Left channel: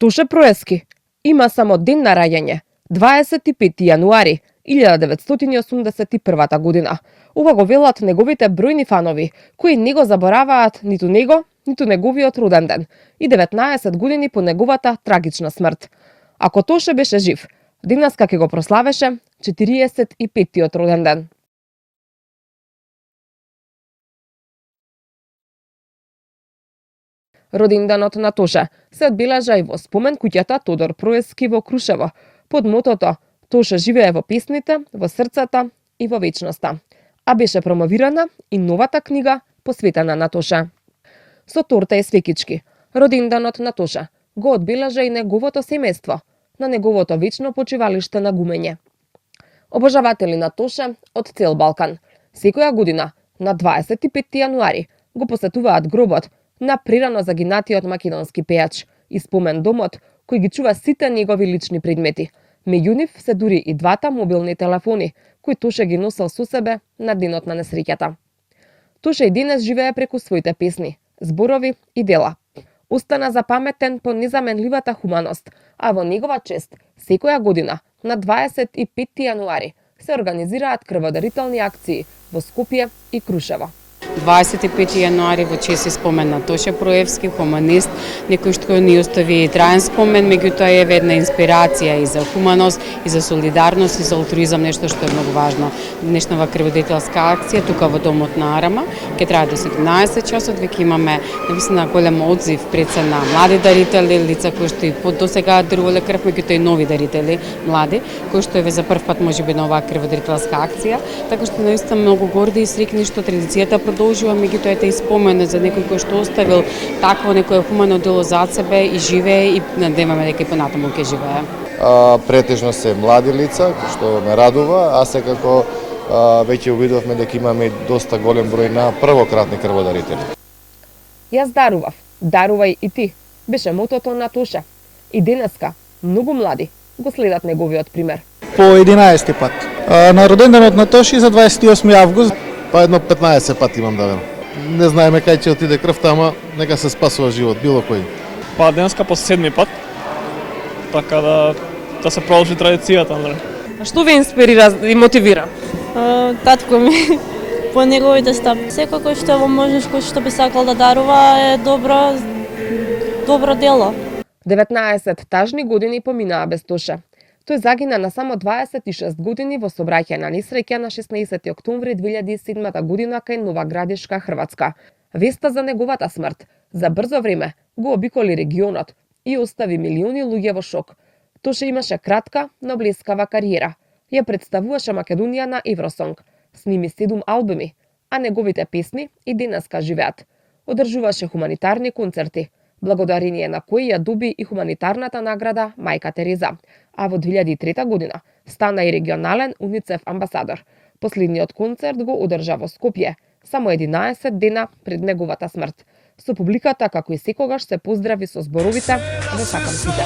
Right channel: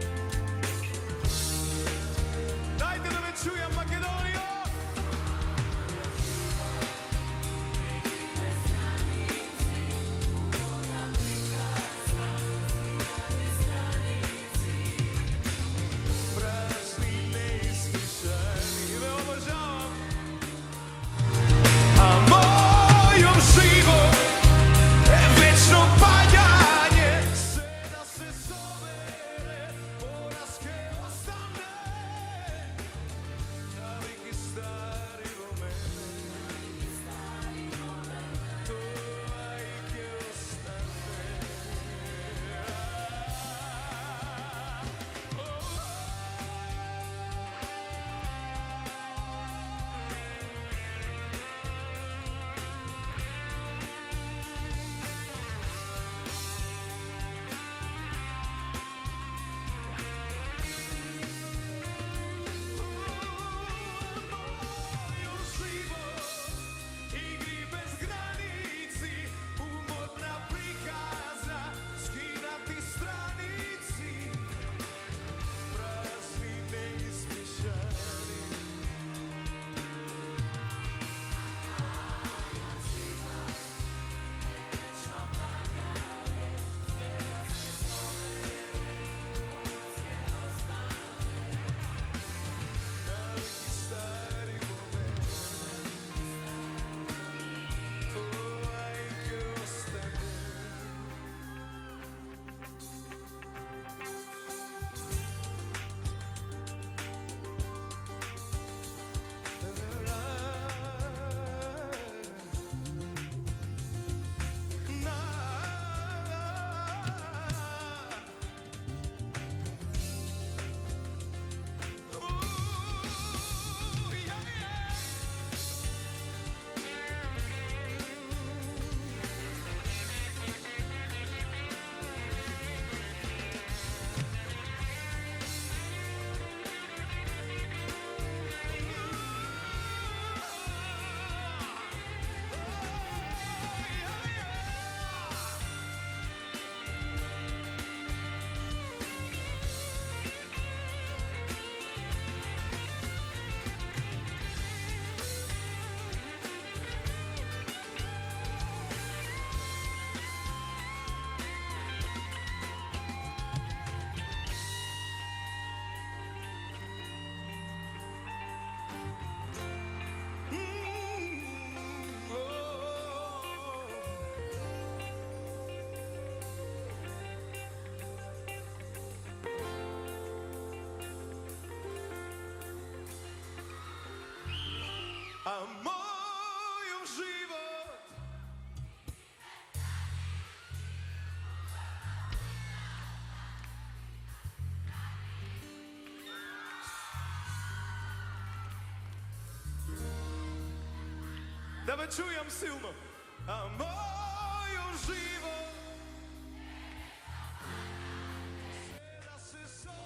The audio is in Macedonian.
Тоше Проески има само ден на раѓање, 25 јануари 1981 година. Ова го велат неговите бројни фанови, кои не го забораваат ниту него, ниту неговиот роден ден и 19 години по неговата трагична смрт. Ако Тоше беше жив, денеска ќе го прославеше 45-тиот роден ден. Роденденот на Тоше се одбележа и во спомен куќата Тодор Проески во Крушево, под мотото Тоше живее во песните, во срцата и во вечноста. А беше промовирана и новата книга посветена на Тоше. Со торта и свекички, роденденот на Тоше го одбележа и неговото семејство на неговото вечно почивалиште на Гумење. Обожаватели на Тоше од цел Балкан секоја година на 25 јануари го посетуваат гробот на прерано загинатиот македонски пејач и спомен домот кој ги чува сите негови лични предмети. Меѓу нив се дури и двата мобилни телефони кои Тоше ги носел со себе на денот на несреќата. Тоше и денес живее преку своите песни, зборови и дела. Остана запаметен по незаменливата хуманост, а во негова чест секоја година на 25 јануари се организираат крводарителни акции во Скопје и Крушево. 25 јануари во чест и спомен на Тоше Проевски, хуманист, некој што ни остави траен спомен, меѓутоа е една инспирација и за хуманост, и за солидарност, и за алтруизам, нешто што е многу важно. Днешнава крводарителска акција тука во домот на Арама ќе трае до 17 часот, веќе имаме навистина голем одзив пред се на млади дарители, лица кои што и досега дарувале крв, меѓутоа и нови дарители, млади, кои што е за прв пат можеби на оваа крводарителска акција, така што наистина многу горди и срекни што традицијата продолжува, меѓутоа е и спомен за некој кој што оставил такво некое хумано дело зад себе и живее и надеваме дека и понатаму ќе живее. Претежно се млади лица, што ме радува, а секако веќе увидовме дека имаме доста голем број на првократни крводарители. Јас дарував, дарувај и ти, беше мотото на Тоше. И денеска многу млади го следат неговиот пример. По 11 пат. На роденденот на Тоше за 28 август. Па едно 15 пати имам даден. Не знаеме кај ќе отиде крвта, ама нека се спасува живот, било кој. Па денеска по 7 пат, така да се продолжи традицијата. Што ве инспирира и мотивира? Татко ми по неговите стапки. Секако што во можеш кој што би сакал да дарува е добро дело. 19 тажни години поминаа без Тоше. Тој загина на само 26 години во сообраќај на несреќа на 16 октомври 2007 година кај Нова Градишка, Хрватска. Веста за неговата смрт за брзо време го обиколи регионот и остави милиони луѓе во шок. Тоше имаше кратка, но блескава кариера. Ја представуваше Македонија на Евросонг, сними 7 албуми, а неговите песни и денеска живеат. Одржуваше хуманитарни концерти, благодарение на кои ја доби и хуманитарната награда Мајка Тереза. А во 2003 година стана и регионален УНИЦЕФ амбасадор. Последниот концерт го одржа во Скопје, само 11 дена пред неговата смрт. Со публиката, како и секогаш, се поздрави со зборовите "Го сакам сите".